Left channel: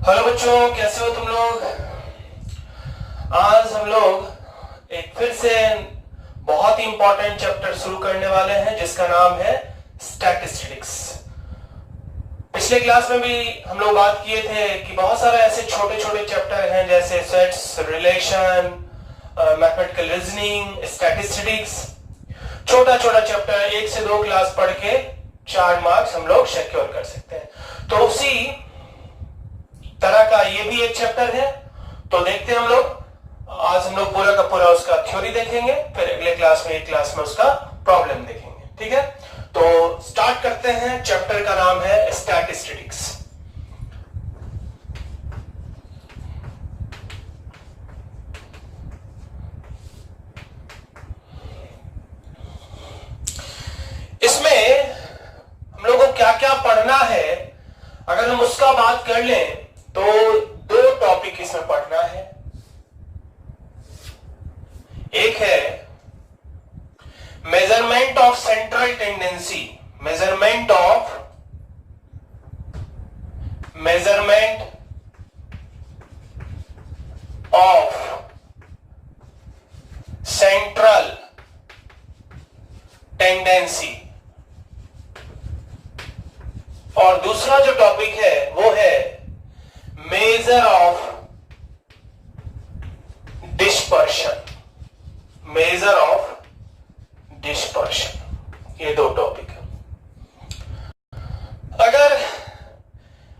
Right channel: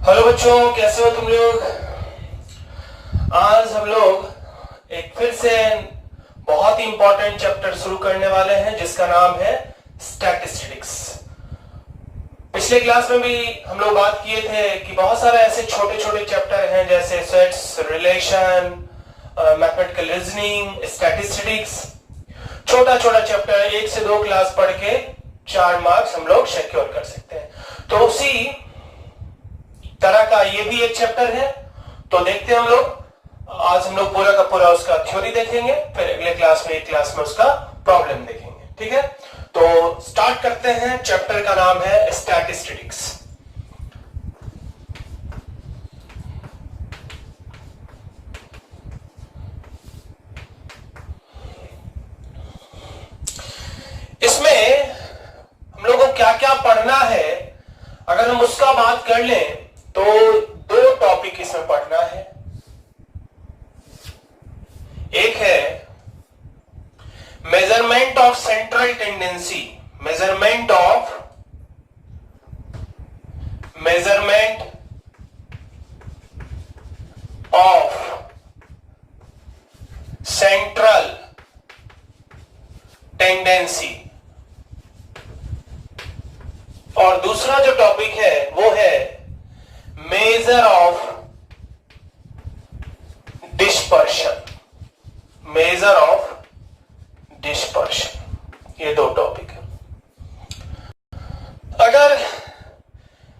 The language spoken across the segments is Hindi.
हेलो बच्चों, कैसे हो तुम लोग। आज हम लोग एक फिर से बहुत ही इंपॉर्टेंट चैप्टर शुरू करने वाले हैं जिसका नाम है स्टैटिस्टिक्स। पिछले क्लास में भी हम लोग बात किए थे कि बहुत सारे ऐसे छोटे छोटे चैप्टर हैं जैसे sets, relation, mathematical reasoning, statistics. छोटा छोटा चैप्टर 1 से 2 क्लास पढ़ के 4 मार्क्स हम लोग सिक्योर कर सकते हैं। तो उसी तरह का ये भी एक चैप्टर है। तो देखते हैं हम लोग। आज हम लोग पूरा का पूरा उसका थ्योरी देखेंगे, फिर अगले क्लास में एक क्लास में उसका प्रॉब्लम देखेंगे। ठीक है, तो स्टार्ट करते हैं। चैप्टर का नाम है स्टैटिस्टिक्स। इसमें हम लोगों को क्या क्या पढ़ना है, अगर हम उसका बात कर लें तो 2 टॉपिक इसमें पढ़ना है। एक है measurement of central tendency, measurement of central tendency. और दूसरा जो टॉपिक है वो है measure of dispersion, measure of dispersion. ये 2 टॉपिक है। अगर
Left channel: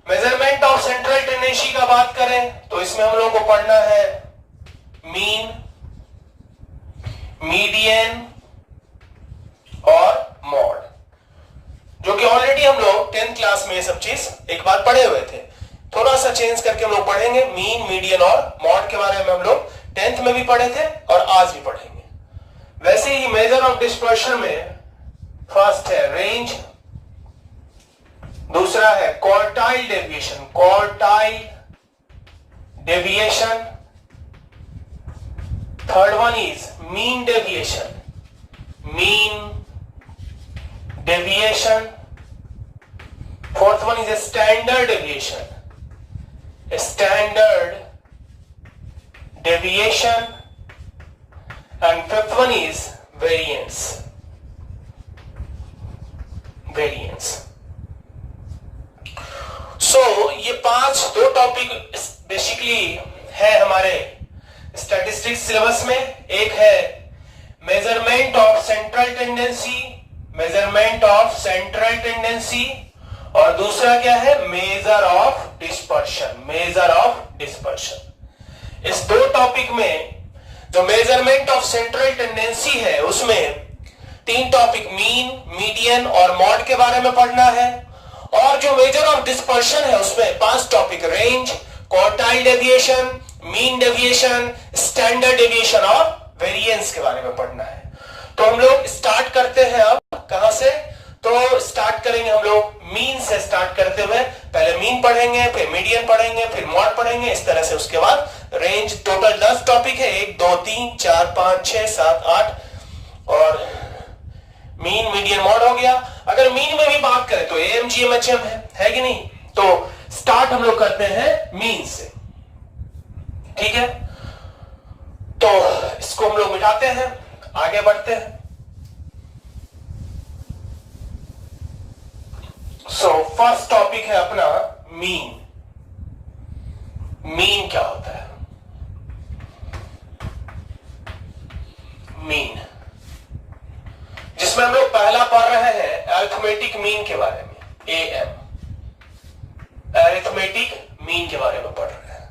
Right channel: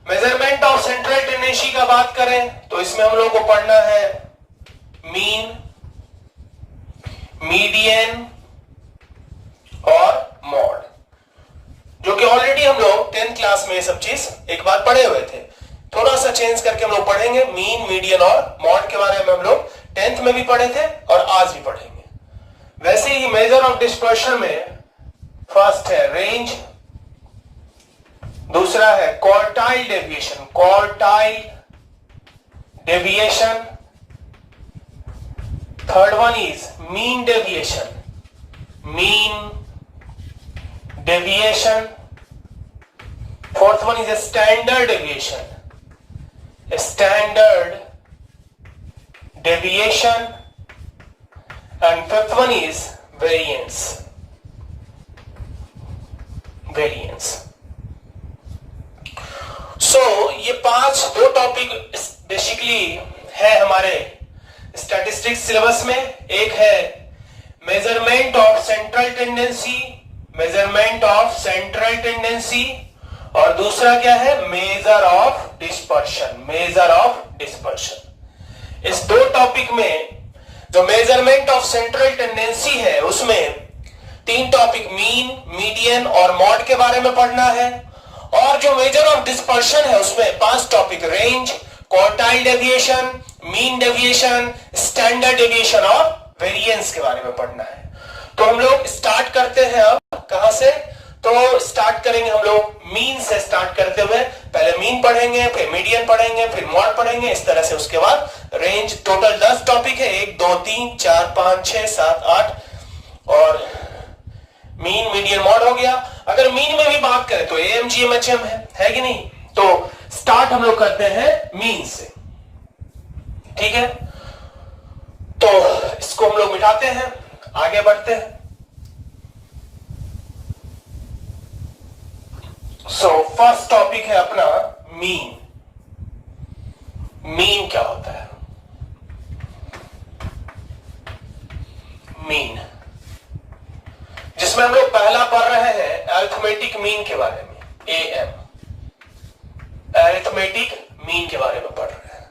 मेजरमेंट ऑफ सेंट्रल टेंडेंसी का बात करें तो इसमें हम लोग को पढ़ना है मीन, मीडियन और मॉड, जो कि ऑलरेडी हम लोग 10th क्लास में ये सब चीज एक बार पढ़े हुए थे। थोड़ा सा चेंज करके हम लोग पढ़ेंगे। मीन, मीडियन और मॉड के बारे में हम लोग 10th में भी पढ़े थे और आज भी पढ़ेंगे। वैसे ही मेजर ऑफ डिस्पर्शन में फर्स्ट है रेंज, दूसरा है quartile deviation, quartile deviation, third one is mean deviation, mean deviation, fourth one is a standard deviation, a standard deviation, and fifth one is variance, variance. So ये 2 टॉपिक बेसिकली है हमारे स्टैटिस्टिक्स सिलेबस में। एक है measurement of central tendency, measurement of central tendency, और दूसरा क्या है measure of dispersion, measure of dispersion. इस 2 टॉपिक में जो मेजरमेंट ऑफ सेंट्रल टेंडेंसी है उसमें 3 टॉपिक मीन, मीडियन और मॉड के बारे में पढ़ना है। और जो मेजर ऑफ डिस्पर्शन है उसमें 5 topic range, quartile deviation, mean deviation, standard deviation और वेरिएंस के बारे में पढ़ना है। तो हम लोग स्टार्ट करते हैं। अब कहां से? तो स्टार्ट करेंगे हम लोग मीन से स्टार्ट करते हुए। पहले मीन पढ़ेंगे, फिर मीडियन पढ़ेंगे, फिर मॉड पढ़ेंगे, इस तरह से। उसके बाद रेंज। टोटल 10 टॉपिक है, 1 2 3 4 5 6 7 8, और मीन, मीडियन, मॉड हो गया। अगर मीन में भी बात करें तो एएम, जीएम, एचएम है कि नहीं। तो स्टार्ट हम लोग करते हैं मीन से। ठीक है, तो इसको हम लोग मिटाते हैं, आगे बढ़ते हैं। फर्स्ट टॉपिक है अपना मीन। मीन क्या होता है? मीन, जिसमें हम लोग पहला पढ़ रहे हैं अरिथमेटिक मीन के बारे में, एएम, अरिथमेटिक मीन के बारे में पढ़ रहे हैं।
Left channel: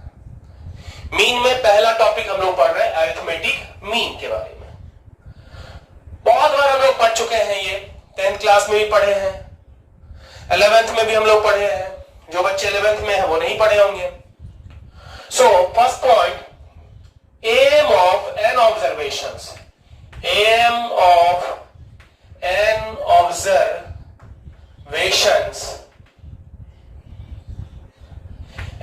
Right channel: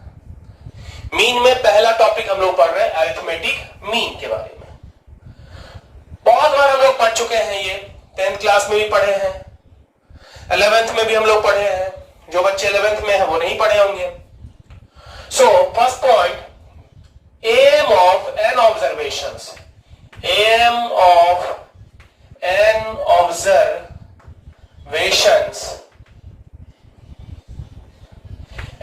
मीन में पहला टॉपिक हम लोग पढ़ रहे हैं अरिथमेटिक मीन के बारे में। बहुत बार हम लोग पढ़ चुके हैं, ये 10th क्लास में भी पढ़े हैं, 11th में भी हम लोग पढ़े हैं। जो बच्चे 11th में हैं वो नहीं पढ़े होंगे। So first point, AM of n observations, AM of n observations,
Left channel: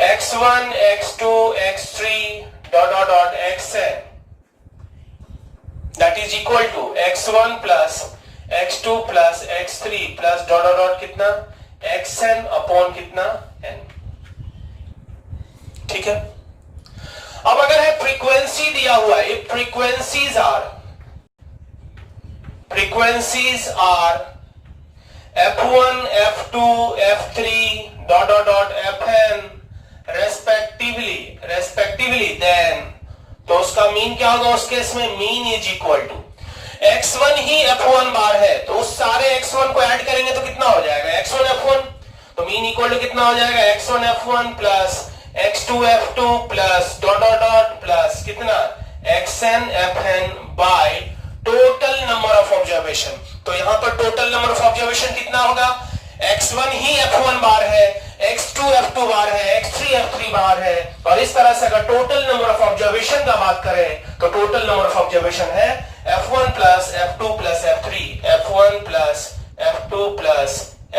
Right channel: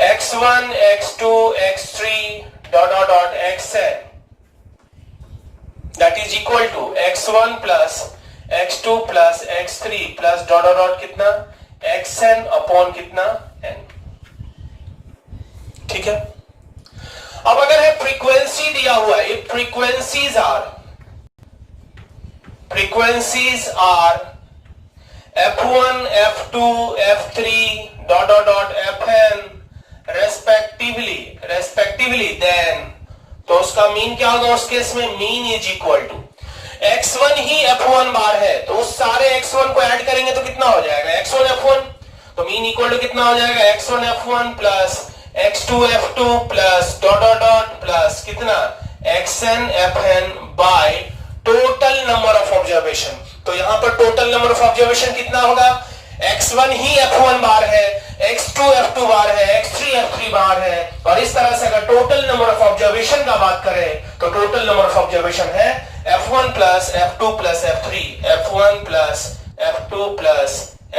x1 x2 x3 dot dot dot xn, that is equal to x1 plus x2 plus x3 plus dot dot dot कितना xn अपॉन कितना n। ठीक है। अब अगर है फ्रीक्वेंसी दिया हुआ है, frequencies are f1 f2 f3 dot dot dot fn respectively then तो उसका मीन क्या होगा उस केस में? Mean is equal to x1 ही f1 बार है तो उस सारे x1 को ऐड करेंगे तो कितना हो जाएगा? x1 f1, तो मीन इक्वल टू कितना हो जाएगा? x1 f1 plus x2 f2 plus dot dot dot plus कितना? xn fn bye total number of observation. तो यहां पर टोटल नंबर ऑफ ऑब्जर्वेशन कितना होगा? x1 ही f1 बार है, x2 f2 बार है, x3 f3 बार है, और इस तरह से अगर टोटल नंबर ऑफ ऑब्जर्वेशन का बात करें तो टोटल नंबर ऑफ ऑब्जर्वेशन है f1 plus f2 plus f3, f1 plus f2 plus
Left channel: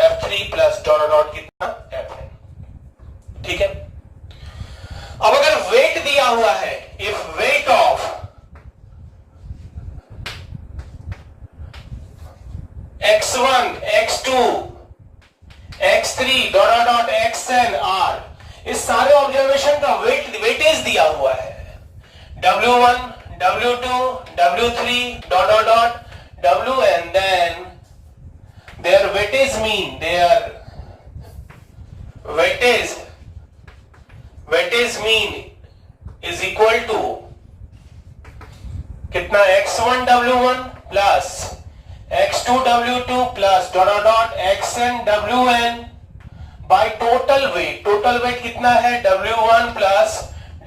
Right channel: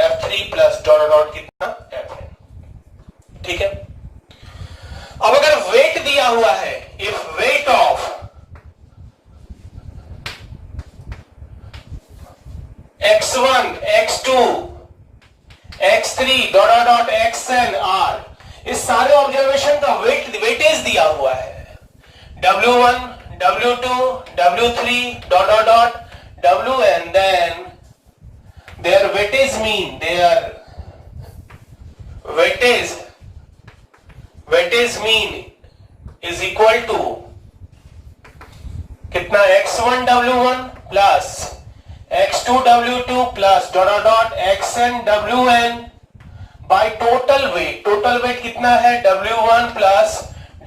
f3 plus dot dot कितना? fn। ठीक है। अब अगर वेट दिया हुआ है, if weight of x1 x2 x3 dot डॉट xn r, इस सारे ऑब्जर्वेशन का वेटेज दिया हुआ है w1 w2 w3 dot dot dot wn, then their weightage mean, their weightage mean is equal to कितना? x1 w1 plus x2 w2 plus dot dot डॉट xn wn by total weight. Total weight कितना है? w1 plus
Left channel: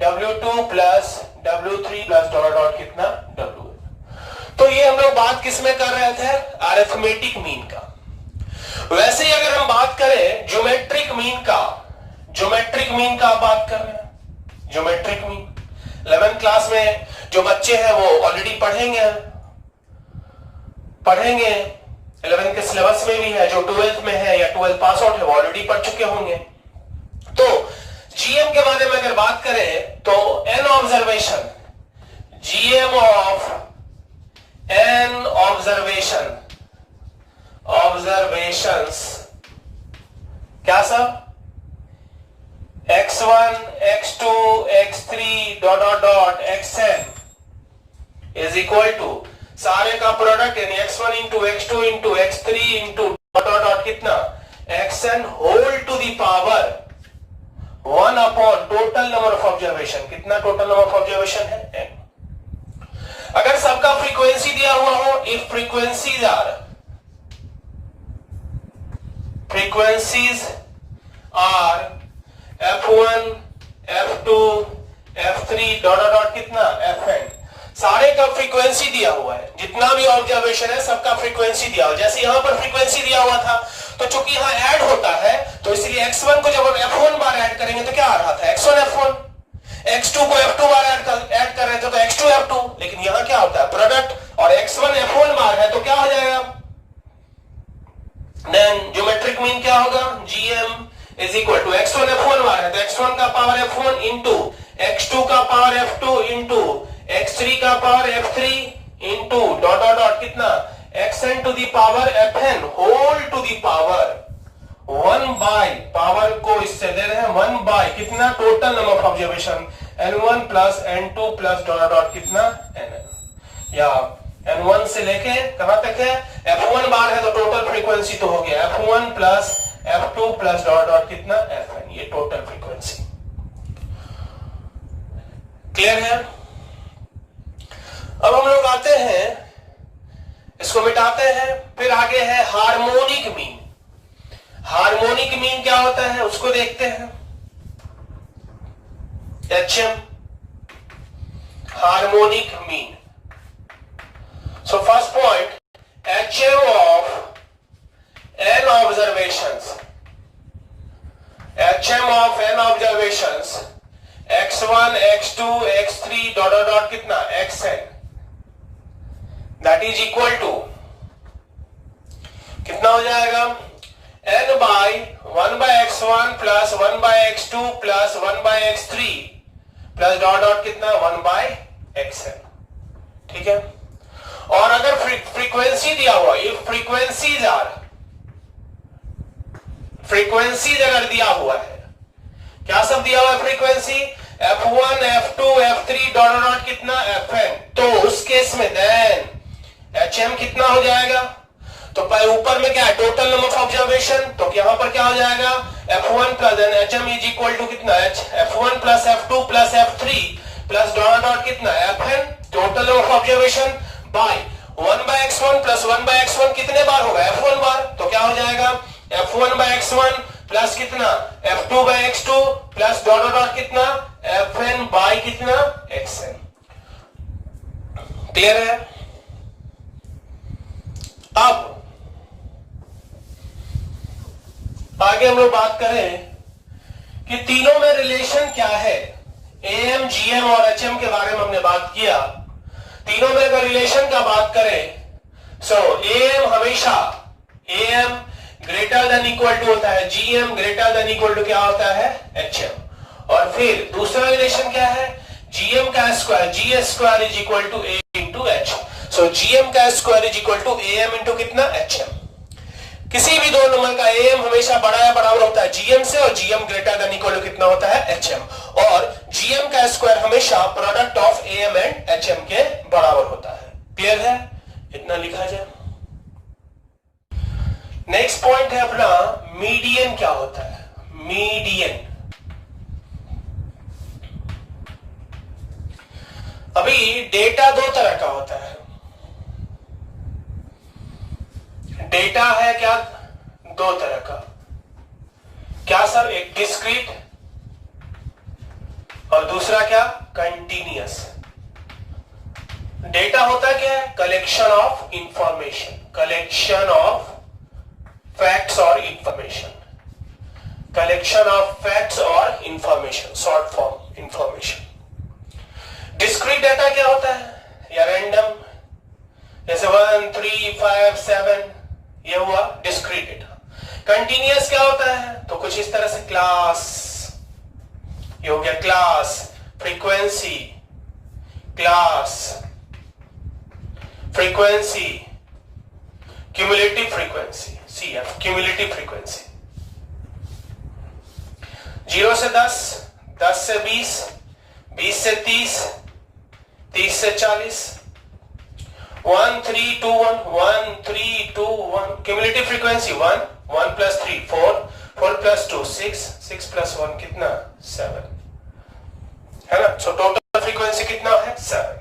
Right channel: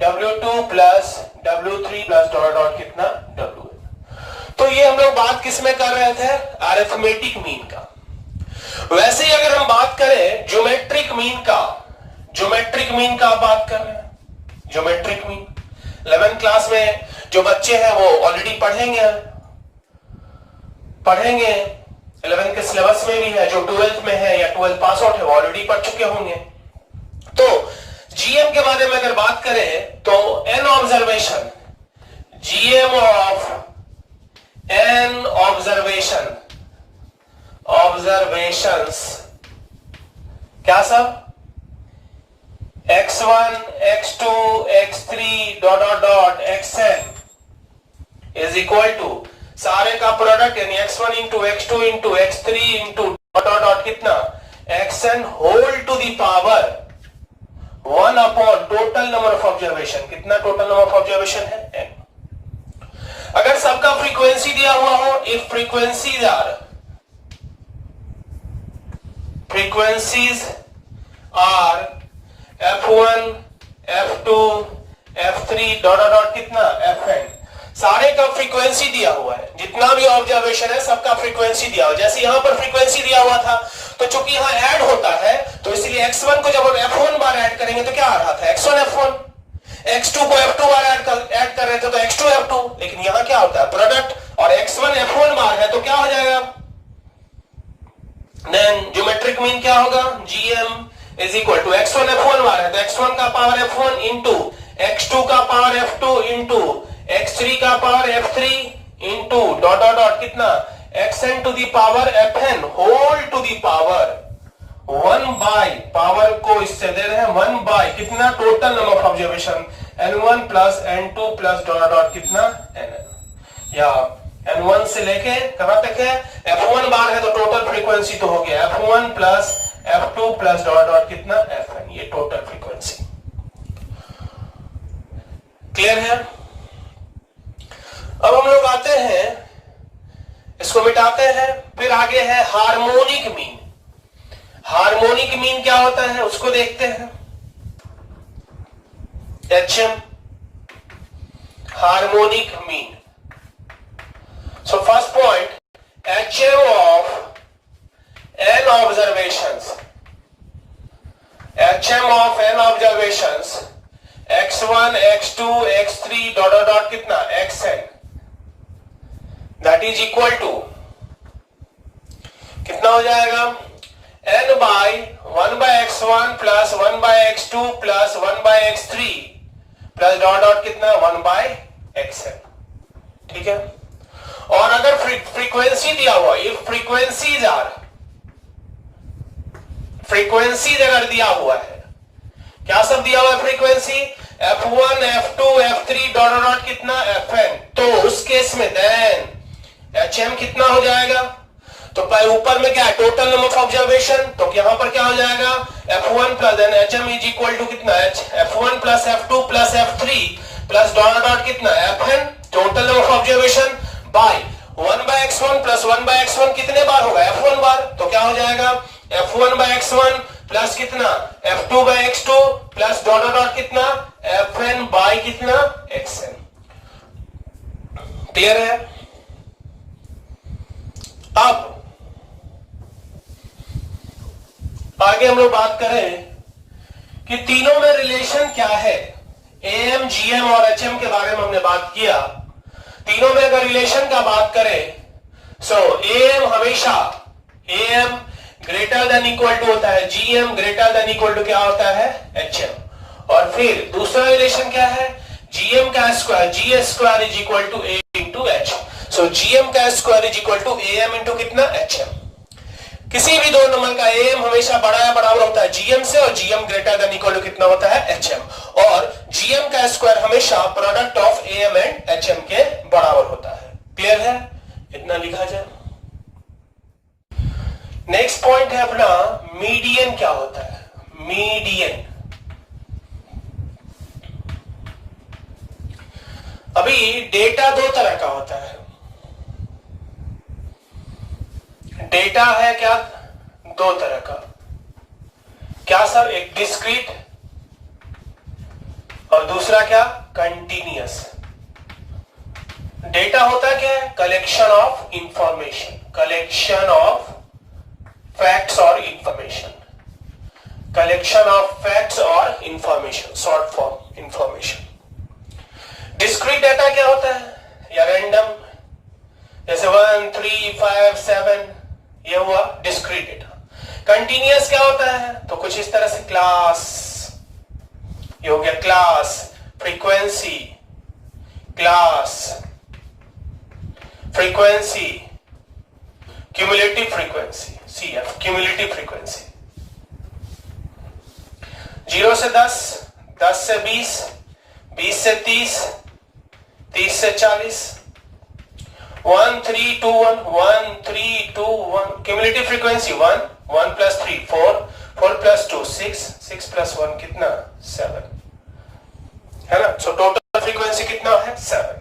w2 plus w3 plus dot dot कितना? wn। तो ये हम लोग बात किस में कर रहे थे? अरिथमेटिक मीन का। वैसे ही अगर हम बात करें ज्योमेट्रिक मीन का बात कर रहे हैं। ज्योमेट्रिक मीन 11th क्लास में जो बच्चे हैं वो ऑलरेडी पढ़ेंगे 11th के सिलेबस में भी है, जो 12th में है या 12th पास आउट है वो ऑलरेडी पढ़ चुके होंगे। तो जीएम के बारे में अगर बात करें तो n observation, GM of n observations क्या सब? x1 x2 x3 dot dot डॉट xn इज इक्वल टू सारे का प्रोडक्ट यानी x1 into x2 into x3 into dot dot dot कितना? xn whole to the power 1 upon total number of observation. कितना टोटल नंबर ऑफ ऑब्जर्वेशन है? n। अगर सबका फ्रीक्वेंसी दिया हुआ हो, if frequencies are f1 f2 f3 dot dot कितना? fn। सारे का फ्रीक्वेंसी दिया हुआ है, जितना भी ऑब्जर्वेशन है सबका फ्रीक्वेंसी दिया हुआ। जैसे यहां पर फ्रीक्वेंसी दिया हुआ था तो चूंकि यहां ऐड होता है तो इसलिए x1 को जब हम f1 बार ऐड करेंगे तो क्या आ रहा था? x1 f1, x2 को f2 बार ऐड कर रहे थे तो x2 f2, लेकिन यहां क्या होता है? प्रोडक्ट, और x1 f1 बार है तो क्या हो जाएगा? देन ज्योमेट्रिक मीन क्या होगा? gm is equal to x1 f1 बार है तो x1 का पावर f1 इंटू x2 का पावर f2 इंटू x3 का power f3 into dot dot dot कितना? xn to the power fn whole to the power 1 by, power को इससे दे रहे हैं 1 बाय कितना? Total number of observation n1 plus n2 plus dot dot कितना? nn, या n1 से लेके कहां तक है? f1 बार है तो टोटल फ्रीक्वेंसी तो हो गया f1 plus f2 plus dot dot कितना? fn, ये टोटल फ्रीक्वेंसी। क्लियर है? अब हम लोग आते हैं, इसको मिटाते हैं, फिर आगे है हार्मोनिक मीन। हार्मोनिक मीन क्या होता है उसको देखते हैं। HM harmonic mean. So first point, HM of n observations, HM of n observations x1 x2 x3 dot dot कितना? xn, that is equal to कितना हो जाएगा? n by 1 by x1 plus 1 by x2 plus 1 by x3 plus dot dot कितना? 1 बाय xn। ठीक है। और अगर फ्रीक्वेंसी दिया हुआ, इफ फ्रीक्वेंसीज अगर दिया हुआ है, क्या सब दिया हुआ है? Frequency F1 F2 F3 dot dot कितना Fn, तो उस केस में देन HM कितना हो जाएगा, तो ऊपर में क्या है टोटल नंबर ऑफ ऑब्जर्वेशन, तो यहां पर क्या हो जाएगा F1 plus then HM is equal to कितना F1 plus F2 plus F3 plus dot dot कितना Fn total number of observation by 1 by x1 plus 1 by x1 कितने बार होगा F1 बार, तो क्या हो जाएगा F1 by x1 प्लस कितना F2 by x2 plus dot dot कितना Fn बाय कितना xn। क्लियर है। अब आगे हम लोग बात करें कि तीनों में रिलेशन क्या है। AM, GM और HM के बारे में हमने बात किया। तीनों में अगर रिलेशन का बात करें सो AM हमेशा AM greater than equal to होता है GM greater than equal to क्या होता है HM। और फिर दूसरा रिलेशन क्या है GM का square GS square is equal to A into H। So GM का square is equal to AM into कितना HM। किसी भी दो नंबर का AM हमेशा बड़ा या बराबर होता है GM से और GM greater than equal to कितना होता है HM। और GM का स्क्वायर हमेशा product of AM and HM के बराबर होता है। क्लियर है, इतना लिखा जाए। नेक्स्ट पॉइंट है अपना मीडियन क्या होता है। मीडियन अभी डेटा दो तरह का होता है। डेटा है क्या दो तरह का, क्या सर, एक डिस्क्रीट और दूसरा क्या कंटीन्यूअस। डेटा होता क्या है collection of information, collection of facts और इंफॉर्मेशन, कलेक्शन ऑफ फैक्ट्स और information, short form information. Discrete data क्या होता है या रैंडम, जैसे 1 3 5 7 ये हुआ डिस्क्रीट डेटा। कंटीन्यूअस क्या होता है, तो कुछ इस तरह से क्लास, ये हो गया class, frequency, class, frequency, cumulative frequency CF, cumulative frequency. 0 से 10, 10 से 20, 20 से 30, 30 से 40, 1 3 2 1 1 3 2 1, cumulative frequency 1 1 plus 3 4 4 plus 2 6 6 plus 1 कितना 7 है ना। सो टोटल फ्रीक्वेंसी कितना है 7।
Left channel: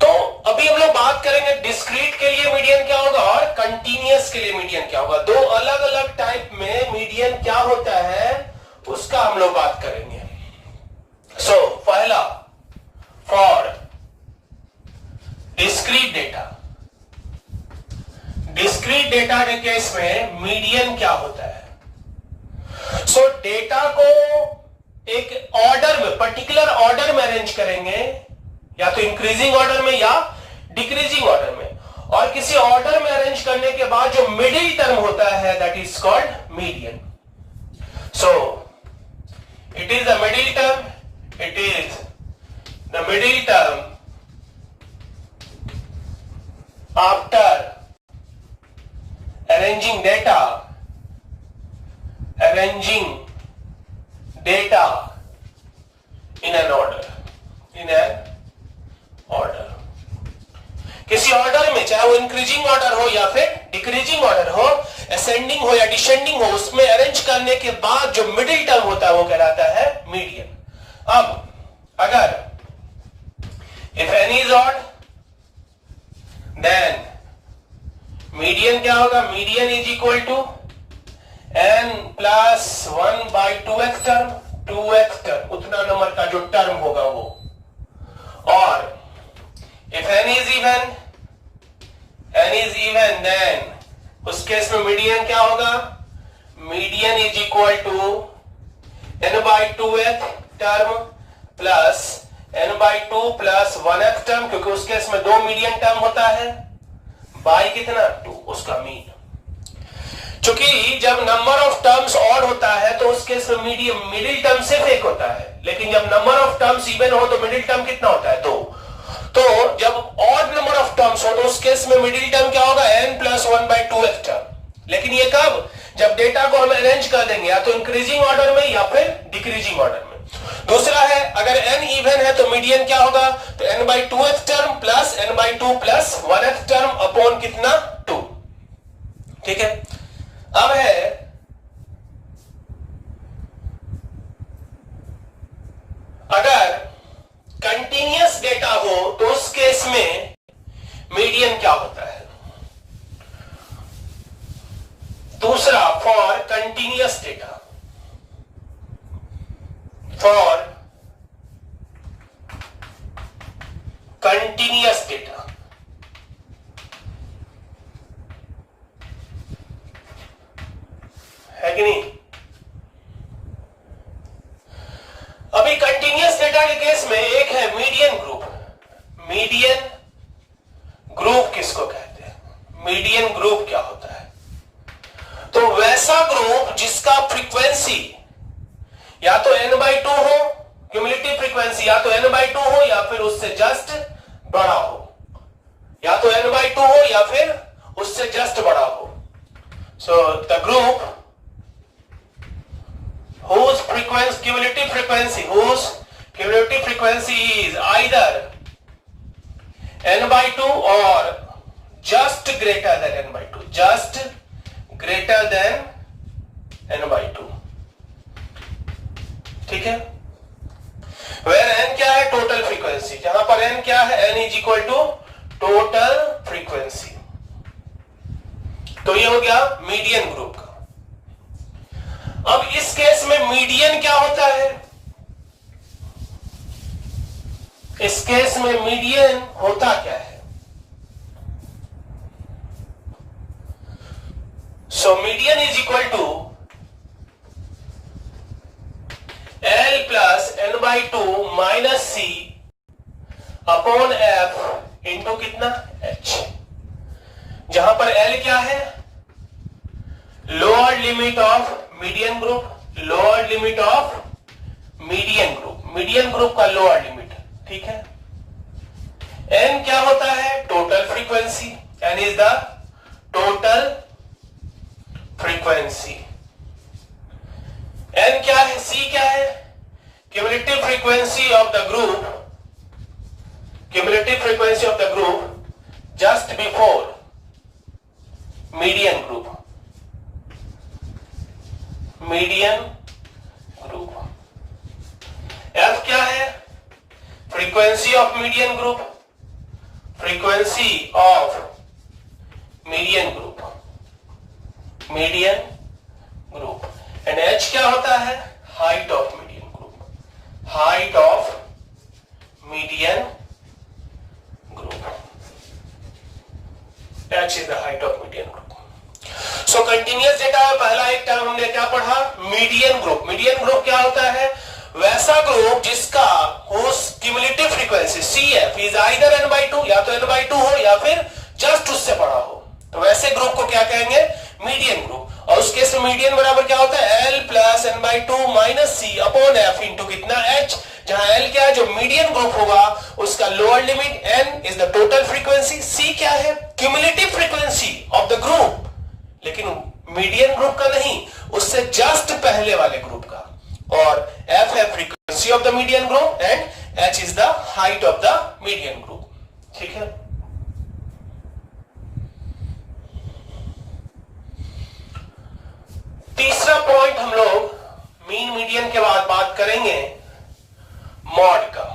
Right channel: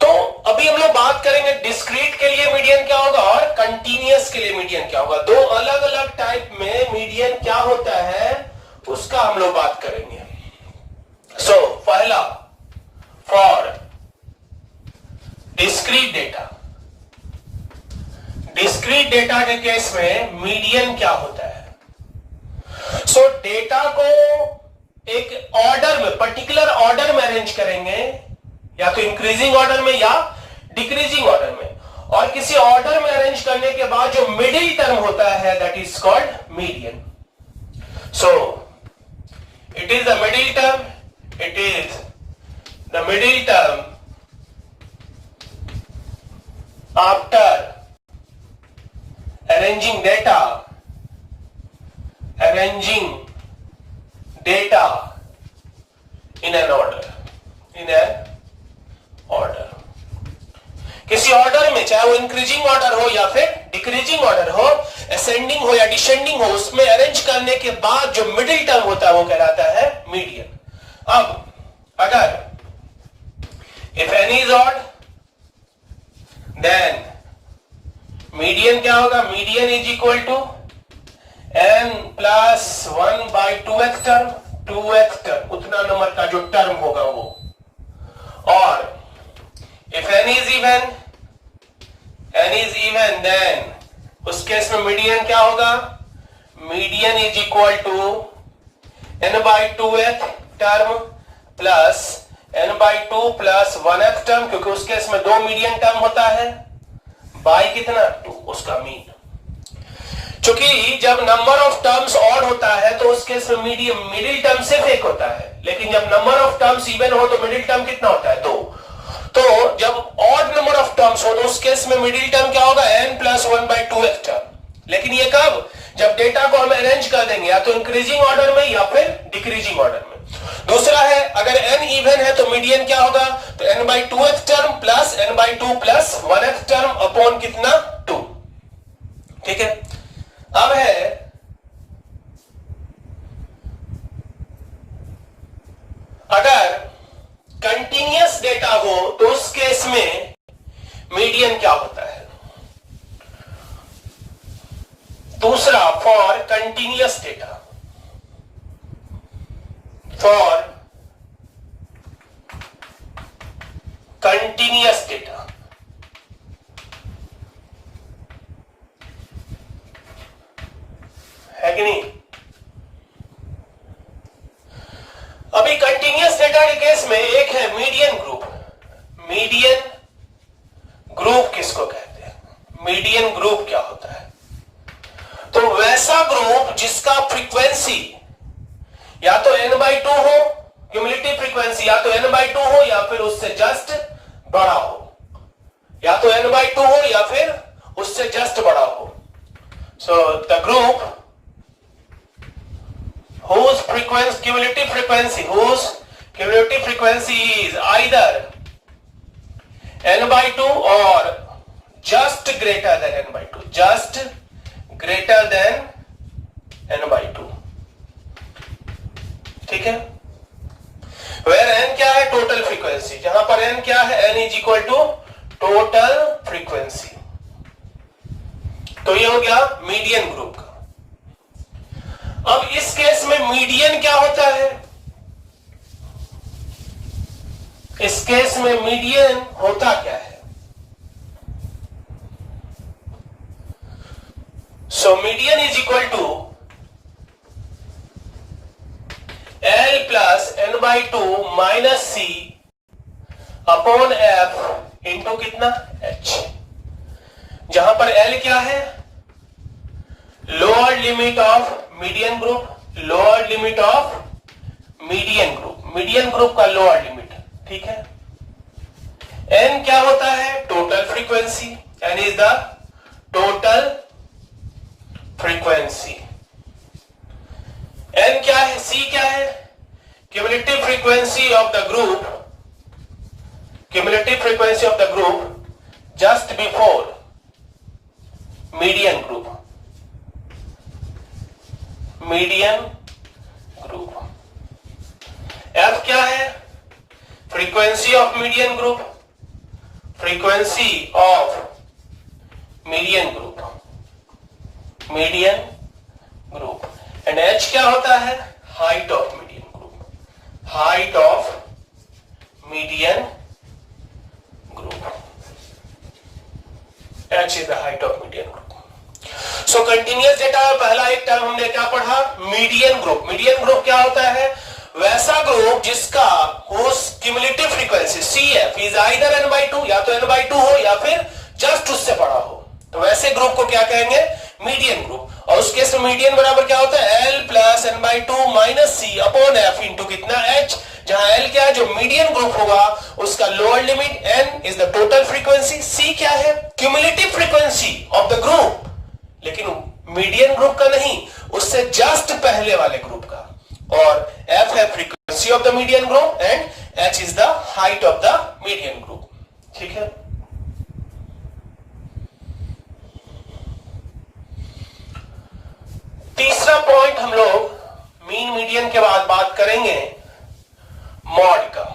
तो अभी हम लोग बात करेंगे डिस्क्रीट के लिए मीडियन क्या होगा और कंटीन्यूअस के लिए मीडियन क्या होगा। दो अलग अलग टाइप में मीडियन क्या होता है उसका हम लोग बात करेंगे। सो पहला for discrete data, discrete data के केस में मीडियन क्या होता है। सो डेटा को एक ऑर्डर में, पर्टिकुलर ऑर्डर में अरेंज करेंगे, या तो इंक्रीजिंग ऑर्डर में या डिक्रीजिंग ऑर्डर में, और किसी ऑर्डर में अरेंज करने के बाद जो मिडिल टर्म होता है that is called median. So it is the middle term, it is the middle term after arranging data in an order, किसी ऑर्डर में, चाहे वो इंक्रीजिंग ऑर्डर हो या फिर डिक्रीजिंग ऑर्डर हो, असेंडिंग हो या डिसेंडिंग हो, उसमें अरेंज करने के बाद जो मिडिल टर्म होता है वो कहलाता है मीडियन। अब अगर if n is odd then median क्या होगा, median is equal to n plus 1 by 2x term, 2x term उतना नंबर का जो टर्म होगा वो। और if n is even then उस केस में मीडियन क्या होगा, median is equal to n by 2x term plus n by 2 plus 1x term, क्योंकि उस केस में दो मीडियन टर्म होता है, बाई कितना 2 उसका मीन। क्योंकि जब नंबर ऑफ टर्म्स ऑड होता है तो उस केस में मिडिल टर्म सिर्फ एक होता है, लेकिन जब नंबर ऑफ टर्म्स इवन हो तो मिडिल टर्म कितना होता है 2। तो जब ऑड नंबर ऑफ टर्म्स हो तो उस केस में मिडिल टर्म क्या होगा n plus 1 by 2x term. लेकिन ये कब, जब डेटा को हम अरेंज कर देंगे या तो इंक्रीजिंग ऑर्डर में या फिर डिक्रीजिंग ऑर्डर में। दूसरा है अगर n इवन है तो मीडियन क्या होगा, तो n/2th term plus n/2 plus 1th term upon कितना 2। ठीक है, अब है अगर कंटीन्यूअस डेटा हो तो उस केस में मीडियन क्या होता है। दूसरा for continuous data, for continuous data है कि नहीं। अभी कंटीन्यूअस डेटा के केस में एक है मीडियन ग्रुप। मीडियन ग्रुप किसको कहते हैं, मीडियन ग्रुप क्या होता है, तो वैसा ग्रुप जिसका फ्रीक्वेंसी या तो n/2 हो, क्यूमुलेटिव फ्रीक्वेंसी या तो n/2 हो या फिर उससे जस्ट बड़ा हो, या तो n/2 हो या फिर उससे जस्ट बड़ा हो। So the group whose frequency cumulative frequency is either n/2 or just greater than n/2, just greater than n/2। ठीक है, वेयर n क्या है, टोटल फ्रीक्वेंसी, जहां पर n क्या है, n is equal to total frequency. तो ये हो गया मीडियन ग्रुप का। अब इस केस में मीडियन क्या होता है, इस केस में मीडियन होता क्या है। So median is equal to L plus n/2 minus C upon F into कितना H, जहां पर L क्या है, lower limit of median group, lower limit of median group, median group का लोअर लिमिट। ठीक है, n क्या होता है, total frequency, n is the total frequency. n क्या है, c क्या है, cumulative frequency of the group, cumulative frequency of the group just before median group, median group. f क्या है, frequency of median group, frequency of median group, median group. And h क्या होता है, height of median group, height of median group, h is the height of median group. So continuous data में पहला एक टर्म हमने क्या पढ़ा, मीडियन ग्रुप। मीडियन ग्रुप क्या होता है, वैसा ग्रुप जिसका उस cumulative frequency CF is either n/2, या तो n/2 हो या फिर जस्ट उससे बड़ा हो, तो वैसे ग्रुप को क्या कहेंगे, मीडियन ग्रुप। और उस केस में मीडियन बराबर क्या होता है, L plus n/2 minus C upon F into कितना H, जहां L क्या है, जो मीडियन ग्रुप होगा उसका lower limit, N is the total frequency, C क्या है, cumulative frequency of the group, लेकिन मीडियन ग्रुप का नहीं, उससे जस्ट पहले वाले ग्रुप का, और F है frequency of the median group and H is the height of the median group. ठीक है, तीसरा पॉइंट हम लोग मीन मीडियन के बाद बात करेंगे मॉड का।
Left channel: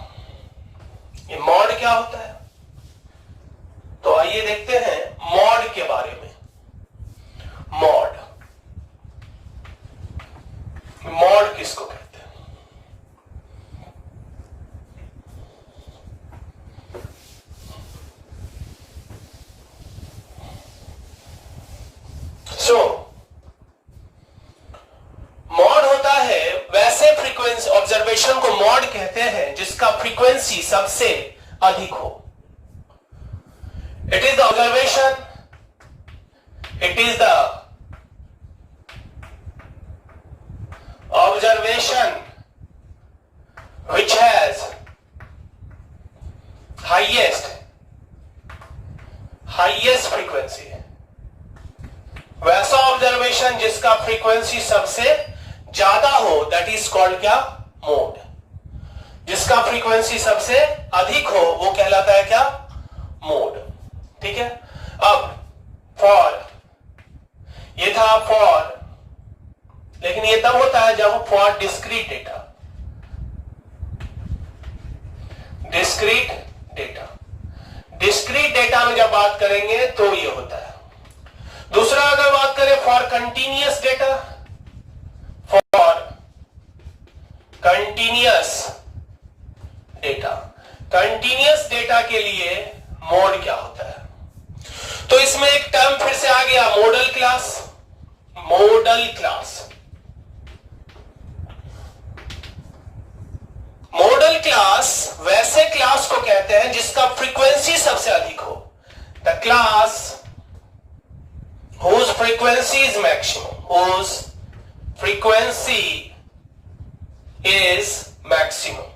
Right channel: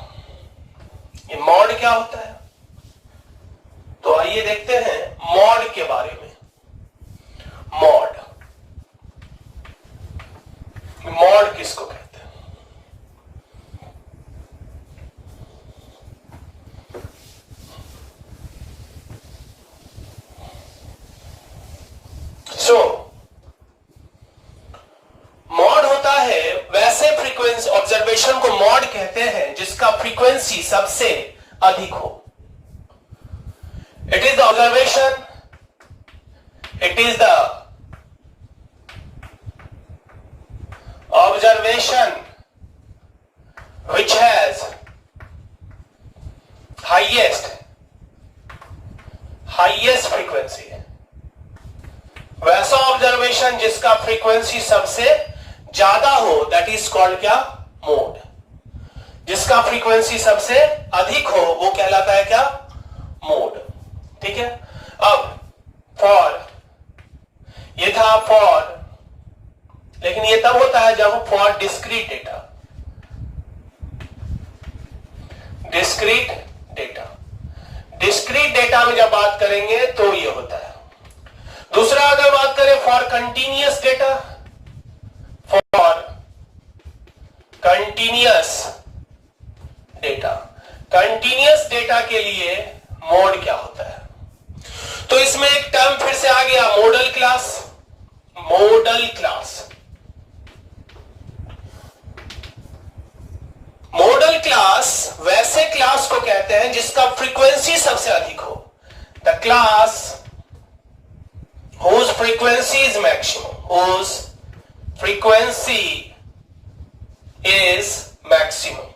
ये मॉड क्या होता है, तो आइए देखते हैं मॉड के बारे में। मॉड, मॉड किसको कहते हैं, सो मॉड होता है वैसे फ्रीक्वेंसी, ऑब्जर्वेशन को मॉड कहते हैं जिसका फ्रीक्वेंसी सबसे अधिक हो। It is the observation, it is the observation which has highest frequency, वैसा ऑब्जर्वेशन जिसका फ्रीक्वेंसी सबसे ज्यादा हो, दैट इज कॉल्ड क्या, मोड। जिसका फ्रीक्वेंसी सबसे अधिक हो वो कहलाता है क्या? मोड। ठीक है। अब फॉर, ये था फॉर, लेकिन ये तब होता है जब for discrete data, discrete data, discrete data में जब बात करेंगे तो ये होता है। दूसरा अगर बात करें for continuous data, for continuous data, continuous data के लिए मोड क्या होता है? तो इसमें एक टर्म फिर से आ गया, model class. Model class, model class वैसे क्लास को कहते हैं जिसका फ्रीक्वेंसी सबसे अधिक हो। The class whose frequency is maximum, whose frequency is maximum,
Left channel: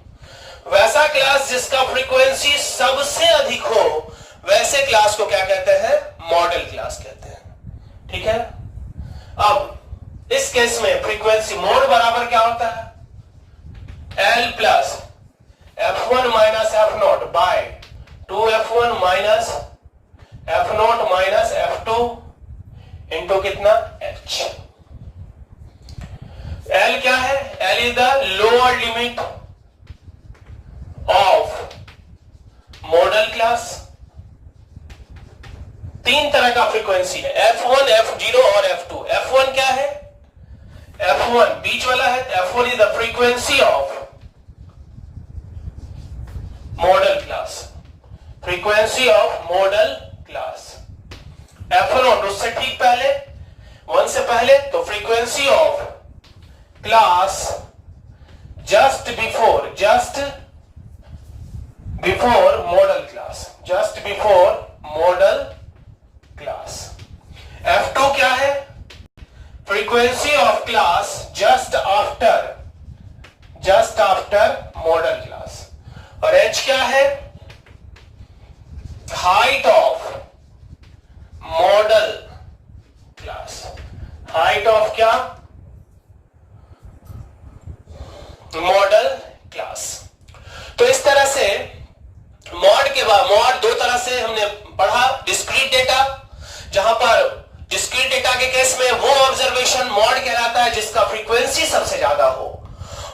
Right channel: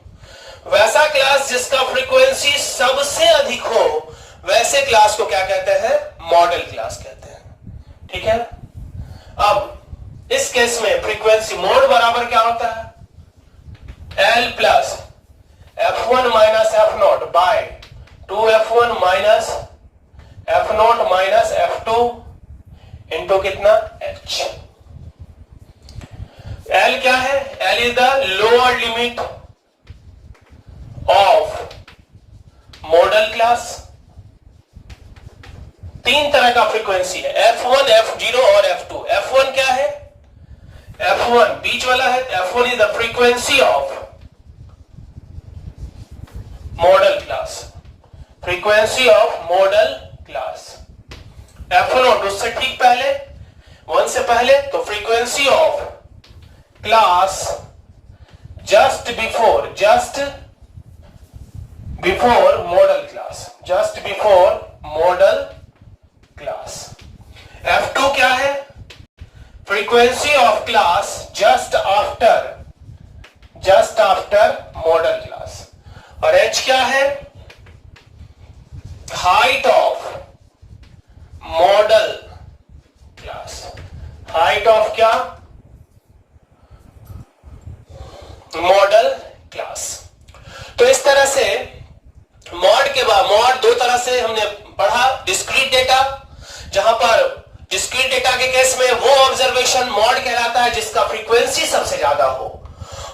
वैसा क्लास जिसका फ्रीक्वेंसी सबसे अधिक हो, वैसे क्लास को क्या कहते हैं? मॉडल क्लास कहते हैं। ठीक है। अब इस केस में फ्रीक्वेंसी मोड बराबर क्या होता है? L plus F1 minus F0 by 2F1 minus F0 minus F2 into कितना? H। L क्या है? L is the lower limit of model class. तीन तरह का फ्रीक्वेंसी है, F1, F0 और F2। F1 क्या है? F1 बीच वाला है। F1 is the frequency of model class, frequency of model class. F1 उससे ठीक पहले, 1 से पहले, तो frequency of class just before modal class, just before modal class. F2 क्या है? Frequency of class just after modal class. और H क्या है? हाइट ऑफ मॉडल क्लास। हाइट ऑफ क्या? Modal class. तो इस तरह से मॉड के बाद, मॉड दो तरह से हमने पढ़ा। डिस्क्रीट डेटा, जहां पर डिस्क्रीट डेटा के केस में वो ऑब्जर्वेशन मॉड कहलाता है जिसका फ्रीक्वेंसी सबसे ज्यादा हो।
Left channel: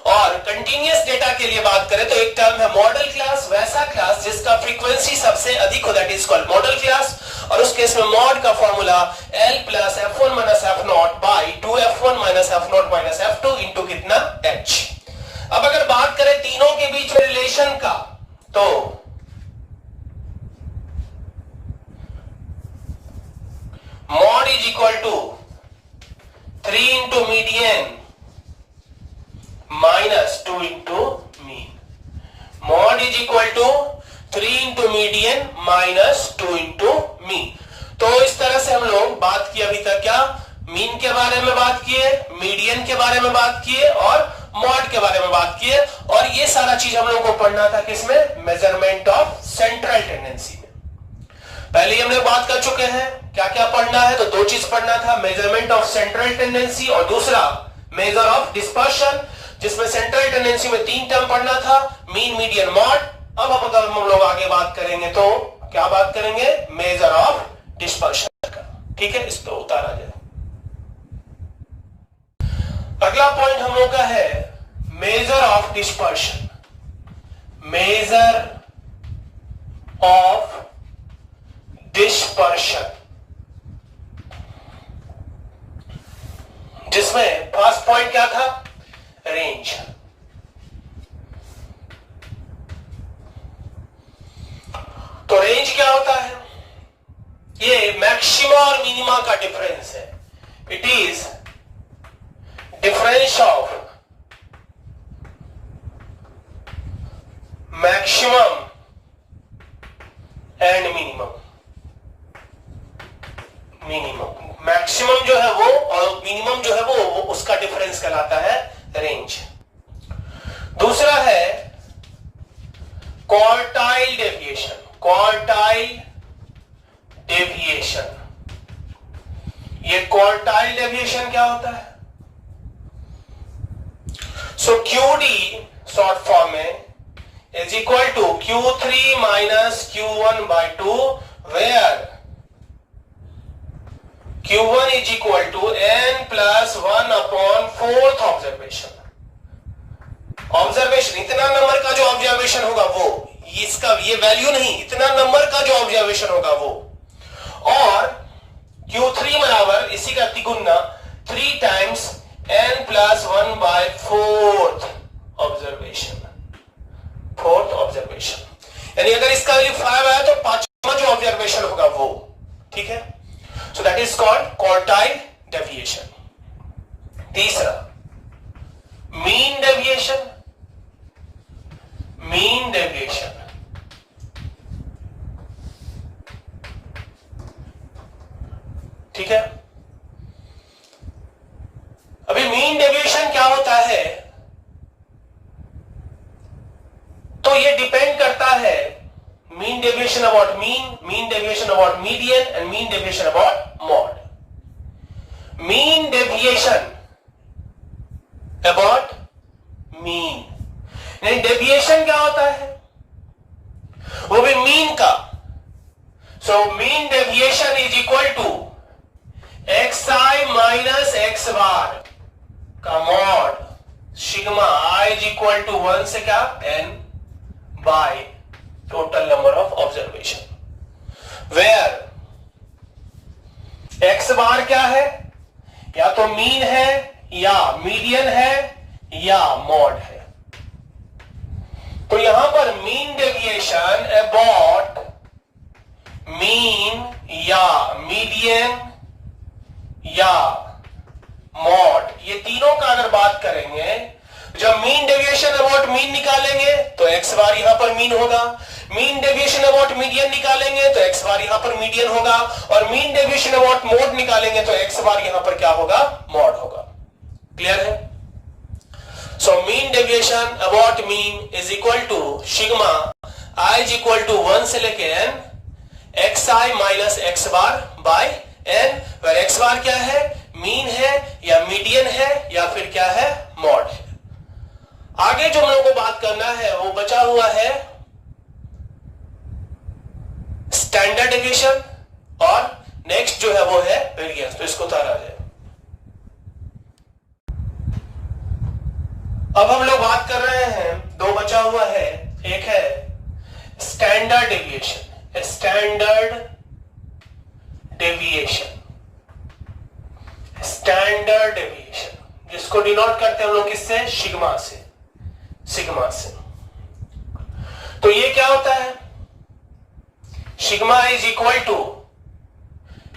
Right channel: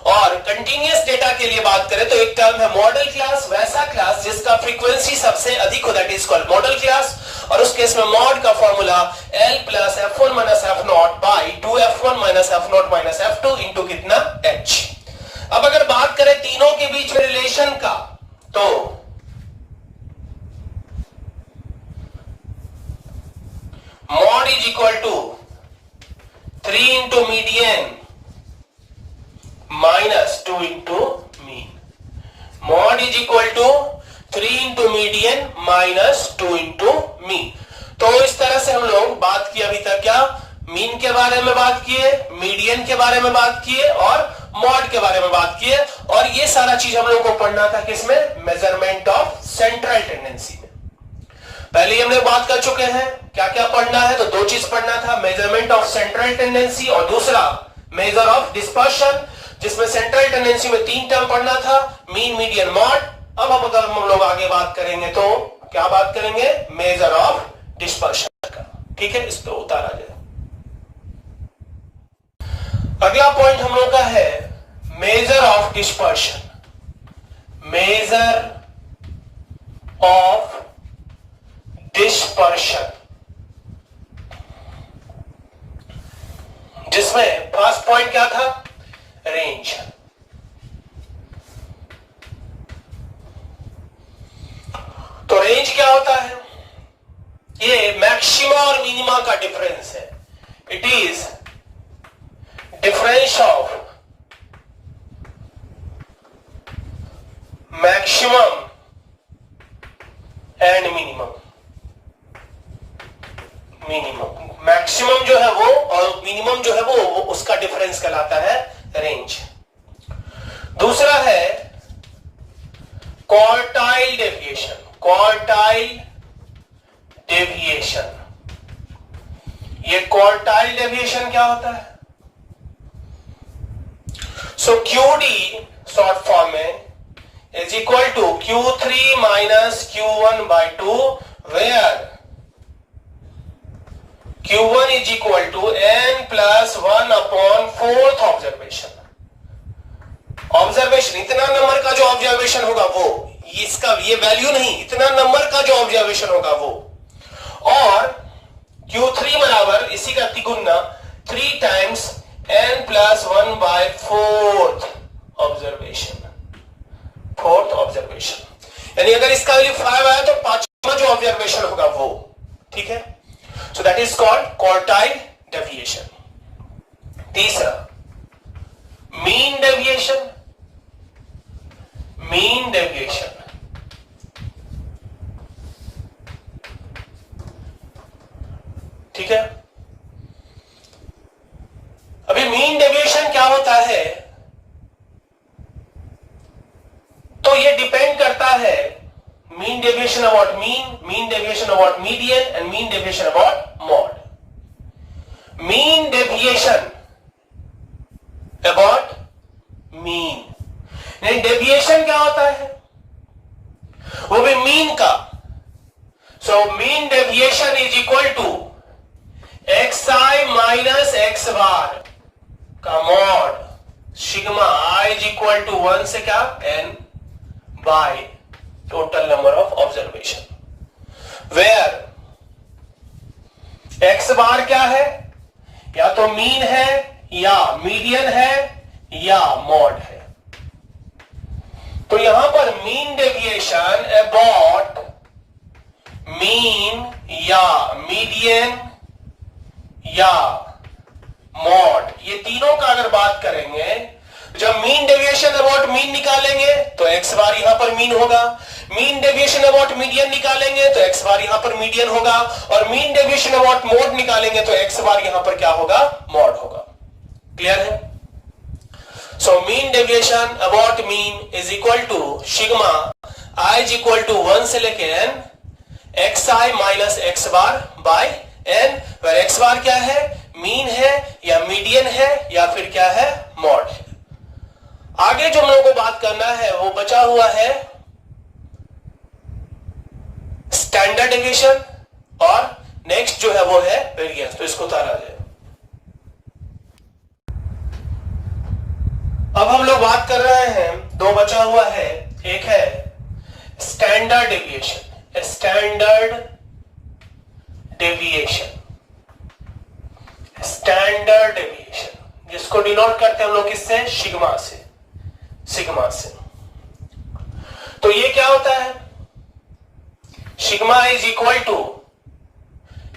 और कंटीन्यूअस डेटा के लिए बात करें तो एक टर्म है मॉडल क्लास, वैसा क्लास जिसका फ्रीक्वेंसी सबसे अधिक हो, that is called model class. और उस केस में मॉड का formula L plus F1 minus F0 by 2F1 minus F0 minus F2 into कितना? H। अब अगर बात करें तीनों के बीच में रिलेशन का, तो mode is equal to 3 into median minus 2 into mean. Mode is equal to 3 into median minus 2 into mean. तो इस तरह से हम लोग बात किए अभी तक, क्या? मीन के बारे में बात किए, मीडियन के बारे में बात किए और मॉड के बारे में बात किए। और ये सारा चीज हम लोगों को पढ़ना था किसमें? मेजरमेंट ऑफ सेंट्रल टेंडेंसी में। पहले हम लोग बात कर चुके हैं क्या क्या पढ़ना है। तो दो चीज पढ़ना था, मेजरमेंट ऑफ सेंट्रल टेंडेंसी और दूसरा मेजर ऑफ डिस्पर्शन, जिसमें सेंट्रल टेंडेंसी में 3 टर्म पढ़ना था, मीन, मीडियन, मॉड। अब अगर हम लोग आगे बात करेंगे तो क्या बात करेंगे? मेजर ऑफ डिस्पर्शन का। ठीक है, इस पे उतारा गया। अगला पॉइंट हम लोग का है measure of dispersion. Measure of dispersion, जिसमें फर्स्ट पॉइंट क्या था? रेंज। तो रेंज क्या होता है? ये मैक्सिमा और मिनिमा का डिफरेंस है। It is difference of maximum and minimum. Maximum जो है वो और मिनिमम जो है वो उसका डिफरेंस कहलाता है रेंज। दूसरा है क्वार्टाइल डेविएशन। क्वार्टाइल डेविएशन, ये क्वार्टाइल डेविएशन क्या होता है? सो QD शॉर्ट फॉर्म में is equal to Q3 minus Q1 by 2, where Q1 is equal to n plus 1 upon 4th observation. Observation, इतना नंबर का जो ऑब्जर्वेशन होगा वो, इसका ये वैल्यू नहीं, इतना नंबर का जो ऑब्जर्वेशन होगा वो, और Q3 बराबर इसी का तिगुना 3 times n plus 1 by 4th observation, यानी अगर इसका वैल्यू 5 आया तो पांचवा जो ऑब्जर्वेशन होगा वो, ठीक है। So that is called quartile deviation. तीसरा मीन डेविएशन। ठीक है। अभी मीन डेविएशन क्या होता है, तो ये डिपेंड करता है mean deviation about mean deviation about median and mean deviation about mode. Mean deviation about mean, नहीं डेविएशन क्या होता है, वो भी मीन का। So mean deviation is equal to xi minus x bar का mod sigma i is equal to 1 से क्या n by total number of observation, where x bar क्या है, या तो मीन है या मीडियन है या मॉड है। तो यहां पर मीन डेविएशन अबाउट मीन या मीडियन या मॉड, ये तीनों का अगर बात करेंगे, जब मीन डेविएशन अबाउट मीन निकालेंगे तो x बार यहां पर मीन होगा, मीन डेविएशन अबाउट मीडियन निकालेंगे तो x बार यहां पर मीडियन होगा, और मीन डेविएशन अबाउट मॉड निकालेंगे तो x बार यहां पर क्या होगा, मॉड होगा। क्लियर है। So mean deviation about mean is equal to sigma i is equal to 1 से लेके n xi minus x bar by n, पर x बार क्या है, मीन है या मीडियन है या फिर क्या है, मॉड है। आगे जो हम लोगों को बात करना है वो बचा हुआ है स्टैंडर्ड डेविएशन, और नेक्स्ट जो है वो है वेरिएंस। तो इसको उतारा जाए। अब हम लोग बात कर रहे हैं, दो बचा हुआ है, एक है स्टैंडर्ड डेविएशन, स्टैंडर्ड डेविएशन जिसको डिनोट करते हैं हम लोग किससे, सिग्मा से। तो ये क्या होता है, sigma is equal to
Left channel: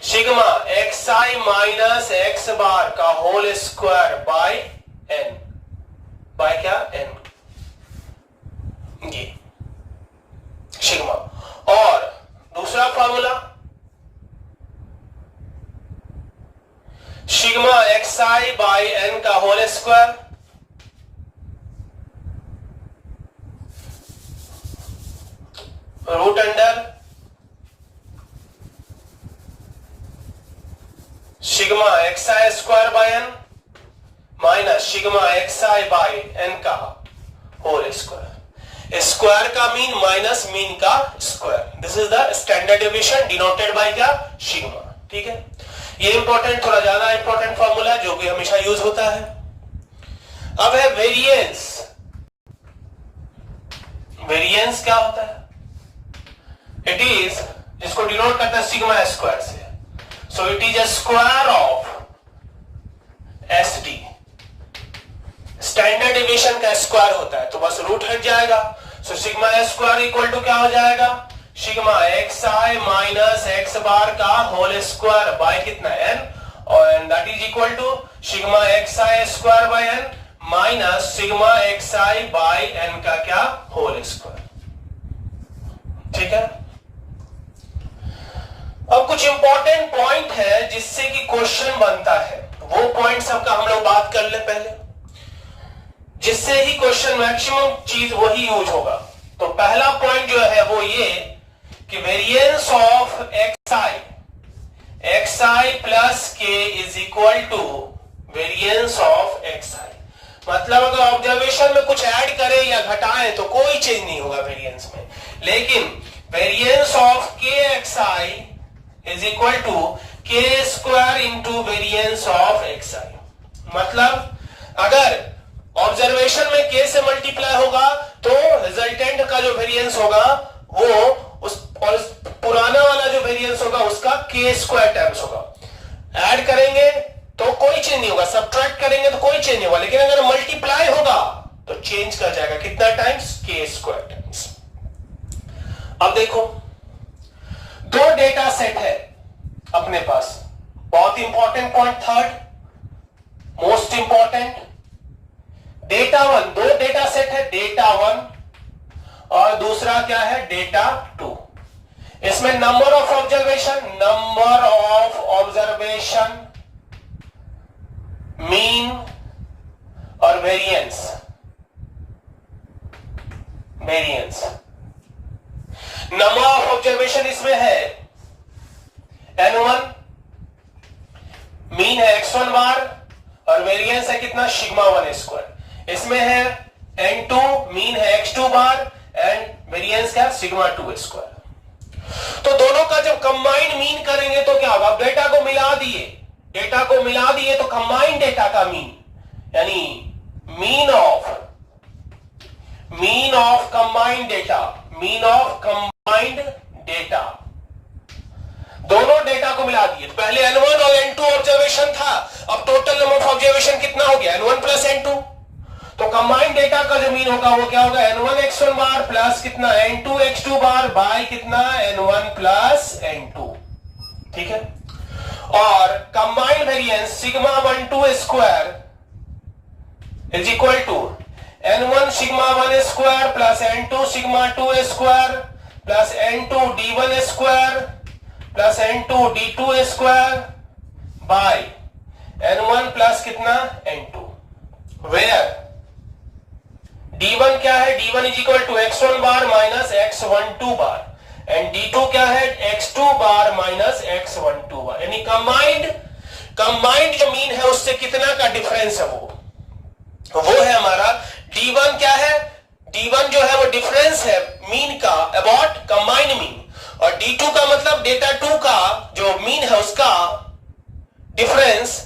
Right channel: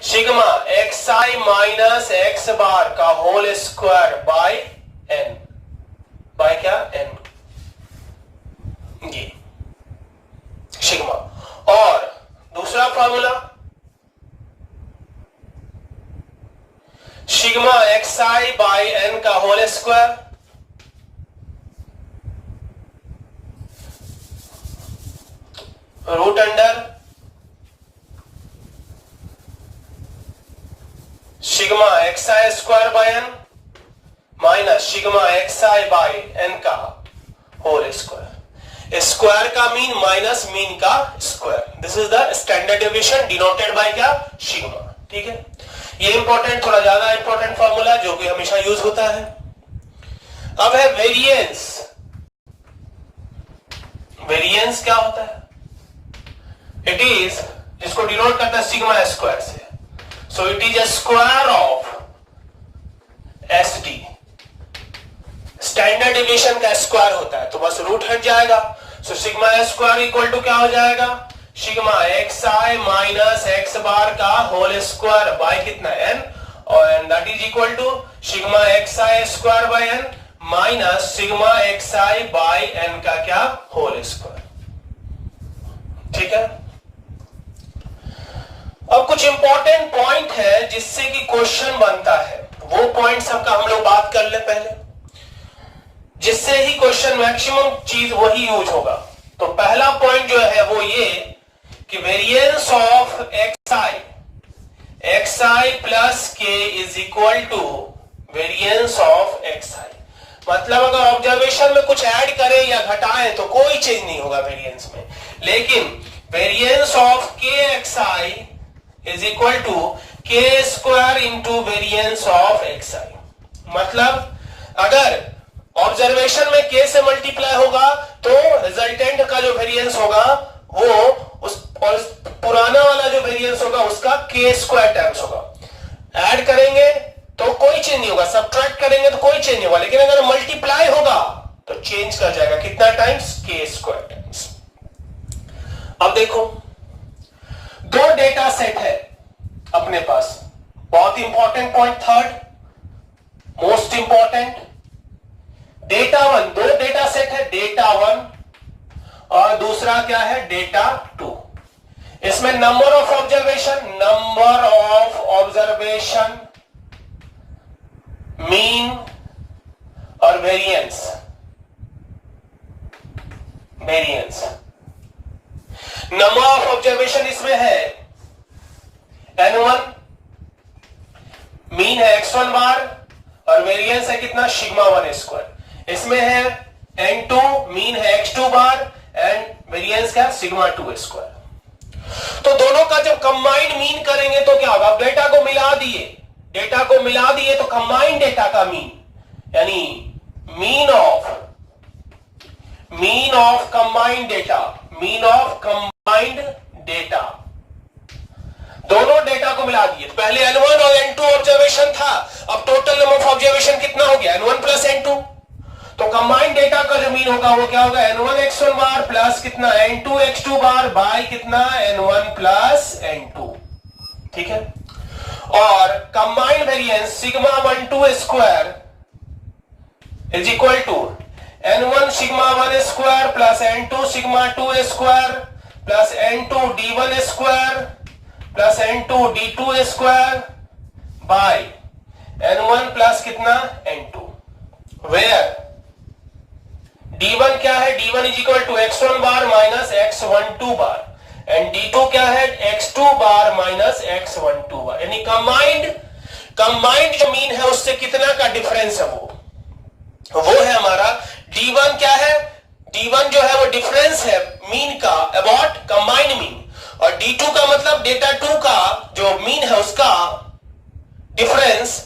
sigma xi minus x bar का whole square by n, by क्या, n, ये सिग्मा। और दूसरा formula sigma xi by n का whole square root under sigma xi square by n minus sigma xi by n का होल स्क्वायर। स्क्वायर का मीन माइनस मीन का square, this is the standard deviation denoted by क्या, सिग्मा। ठीक है, ये इंपॉर्टेंट, थोड़ा ज्यादा इंपॉर्टेंट फॉर्मूला जो कि हमेशा यूज होता है। अब है वेरिएंस। वेरिएंस क्या होता है, इट इज, इसको डिनोट करता है सिग्मा स्क्वायर से, so it is a square of SD. Standard deviation का स्क्वायर होता है तो बस रूट हट जाएगा, so sigma square equal to क्या हो जाएगा, sigma xi minus x bar का होल स्क्वायर बाय कितना n, और that is equal to sigma xi square by n minus sigma xi by n का क्या, होल स्क्वायर। ठीक है। अब कुछ इंपॉर्टेंट पॉइंट है जिससे कि क्वेश्चन बनता है, वो पॉइंट सबका हम लोग बात कर ले पहले, जिससे ही क्वेश्चन मैक्सिमम चीज वही यूज होगा। तो पहला पॉइंट जो है वो ये कि variance of xi plus k is equal to variance of xi। मतलब अगर ऑब्जर्वेशन में कुछ ऐड करें या घटाएं तो कोई चेंज नहीं होगा वेरिएंस में। लेकिन variance of k x i is equal to k square into variance of x i. मतलब अगर ऑब्जर्वेशन में के से मल्टीप्लाई होगा तो रिजल्टेंट का जो वेरिएंस होगा वो उस पुराना वाला जो वेरिएंस होगा उसका के स्क्वायर टाइम्स होगा। ऐड करेंगे तो कोई चेंज नहीं होगा, सब्ट्रैक्ट करेंगे तो कोई चेंज नहीं होगा, लेकिन अगर मल्टीप्लाई होगा तो चेंज कर जाएगा। कितना टाइम्स? के स्क्वायर टाइम्स। अब देखो दो डेटा सेट है अपने पास, बहुत important point, third most important. Data one, दो डेटा सेट है, डेटा वन और दूसरा क्या है? Data two. इसमें नंबर ऑफ ऑब्जर्वेशन, मीन और वेरिएंस। नंबर ऑफ ऑब्जर्वेशन इसमें है n1, मीन है x1 बार और वेरिएंस है कितना? Sigma 1 square. इसमें है n2, मीन है x2 बार एंड वेरिएंस क्या? Sigma 2 square. तो दोनों का जब कंबाइंड मीन करेंगे तो क्या होगा? डेटा को मिला दिए तो कंबाइंड डेटा का मीन, यानी मीन ऑफ कंबाइंड डेटा, दोनों डेटा को मिला दिए। पहले n1 और n2 ऑब्जर्वेशन था, अब टोटल नंबर ऑफ ऑब्जर्वेशन कितना हो गया? n1 plus n2। तो कंबाइंड डेटा का जो मीन होगा वो क्या होगा? n1 x1 बार प्लस कितना? n2 x2 बार बाय कितना? n1 plus n2। ठीक है। और combined variance sigma 1 2 square is equal to n1 sigma 1 square plus n2 sigma 2 square plus n2 d1 square plus n2 d2 square by n1 plus कितना? n2। वेयर d1 क्या है? d1 is equal to x1 bar minus x12 bar and d2 क्या है? x2 बार माइनस x12 बार। यानी कंबाइंड जो मीन है उससे कितना का डिफरेंस है वो है हमारा d1 क्या है? d1 जो है वो डिफरेंस है मीन का अबाउट कंबाइंड मीन, और d2 का मतलब डेटा 2 का जो मीन है उसका डिफरेंस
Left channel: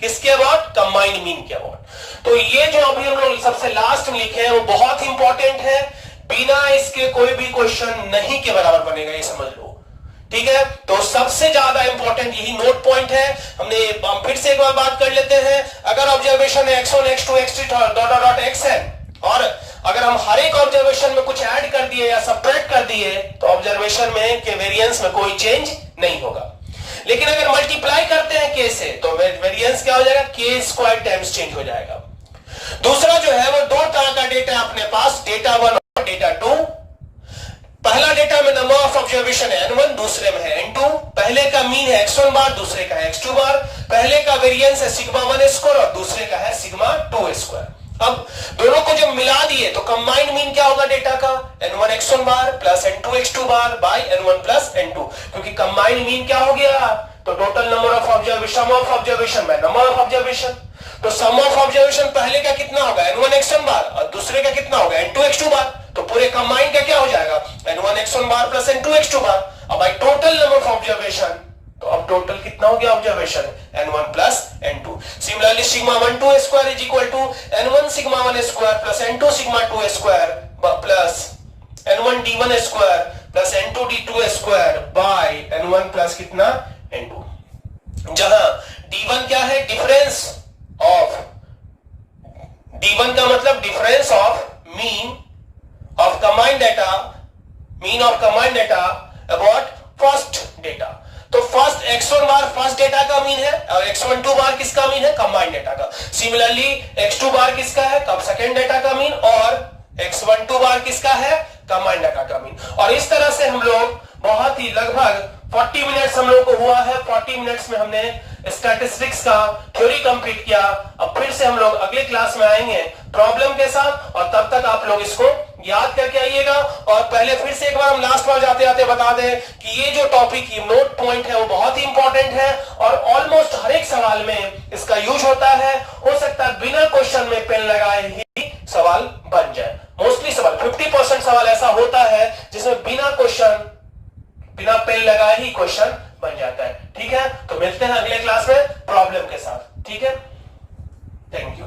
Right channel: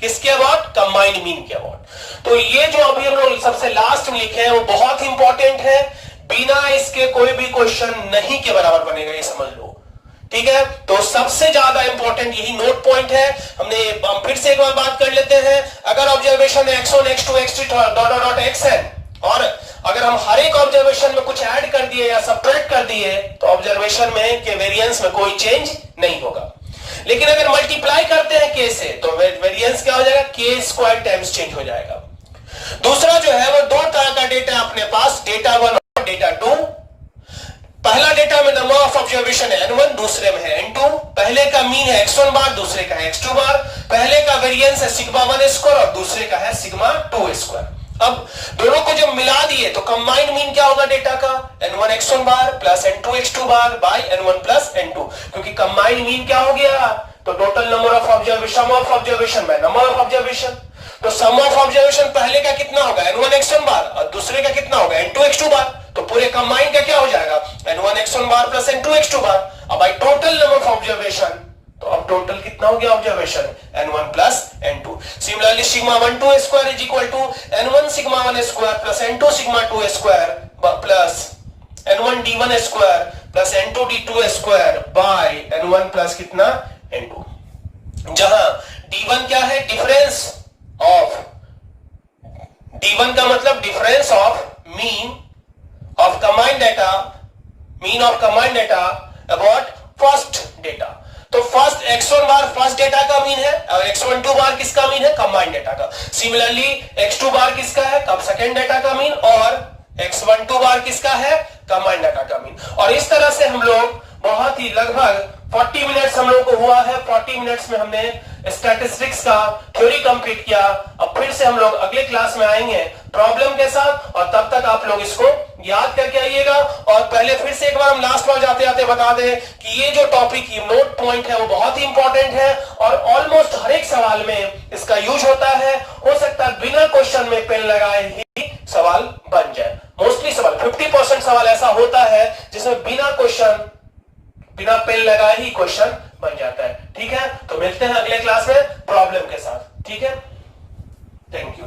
किसके अबाउट? कंबाइंड मीन के अबाउट। तो ये जो अभी हम लोग सबसे लास्ट में लिखे हैं वो बहुत इंपॉर्टेंट है, बिना इसके कोई भी क्वेश्चन नहीं के बराबर बनेगा, ये समझ लो। ठीक है, तो सबसे ज्यादा इंपॉर्टेंट यही नोट पॉइंट है। हम फिर से एक बार बात कर लेते हैं। अगर observation x1 x2 x3 dot x है और अगर हम हर एक ऑब्जर्वेशन में कुछ ऐड कर दिए या सब्ट्रैक्ट कर दिए तो ऑब्जर्वेशन में के वेरिएंस में कोई चेंज नहीं होगा। लेकिन अगर मल्टीप्लाई करते हैं के से तो वेरिएंस क्या हो जाएगा? के स्क्वायर टाइम्स चेंज हो जाएगा। दूसरा जो है वो दो तरह का डेटा अपने पास, डेटा 1 और डेटा 2। पहला डेटा में नंबर ऑफ ऑब्जर्वेशन है n1, दूसरे में है n2। पहले का मीन है x1 बार, दूसरे का है x2 बार। पहले का वेरिएंस है सिग्मा 1 स्क्वायर और दूसरे का है सिग्मा 2 स्क्वायर। अब दोनों को जब मिला दिए तो कंबाइंड मीन क्या होगा डेटा का? n1 x1 bar plus n2 x2 bar by n1 plus n2। क्योंकि कंबाइंड मीन क्या हो गया? तो total number of observation, sum of observation by number of observation. तो सम ऑफ ऑब्जर्वेशन पहले का कितना होगा? n1 x1 बार और दूसरे का कितना होगा? n2 x2 बार। तो पूरे कंबाइंड का क्या हो जाएगा? n1 x1 bar plus n2 x2 bar. अब by total number of observation, तो अब टोटल कितना हो गया observation? n1 plus n2। Similarly sigma 1 2 square is equal to n1 sigma 1 square plus n2 sigma 2 square plus n1 d1 square plus n2 d2 square by n1 plus कितना? n2। जहां d1 क्या है? डिफरेंस ऑफ, d1 का मतलब difference of mean of combined data, mean of combined data about first data. तो फर्स्ट x1 बार फर्स्ट डेटा का मीन है और x12 बार किसका मीन है? कंबाइंड डेटा का। सिमिलरली x2 बार किसका है? कब सेकेंड डेटा का मीन, और x12 बार किसका है? कंबाइंड डेटा का मीन। और इस तरह से हम लोग बहुत ही लगभग 40 मिनट्स हम लोग को हुआ है। 40 मिनट्स में हमने स्टैटिस्टिक्स का थ्योरी कंप्लीट किया। अब फिर से हम लोग अगले क्लास में आएंगे प्रॉब्लम के साथ, और तब तक आप लोग इसको याद करके आइएगा। और पहले फिर से एक बार हम लास्ट बार जाते जाते बता दें कि ये जो टॉपिक की नोट पॉइंट है वो बहुत ही इंपॉर्टेंट है और ऑलमोस्ट हर एक सवाल में इसका यूज होता है। हो सकता है बिना क्वेश्चन में पेन लगाए ही सवाल बन जाए। मोस्टली सवाल 50% सवाल ऐसा होता है जिसमें बिना क्वेश्चन, बिना पेन लगाए ही क्वेश्चन बन जाता है। ठीक है, तो मिलते हैं अगले क्लास में प्रॉब्लम के साथ। ठीक है, थैंक यू।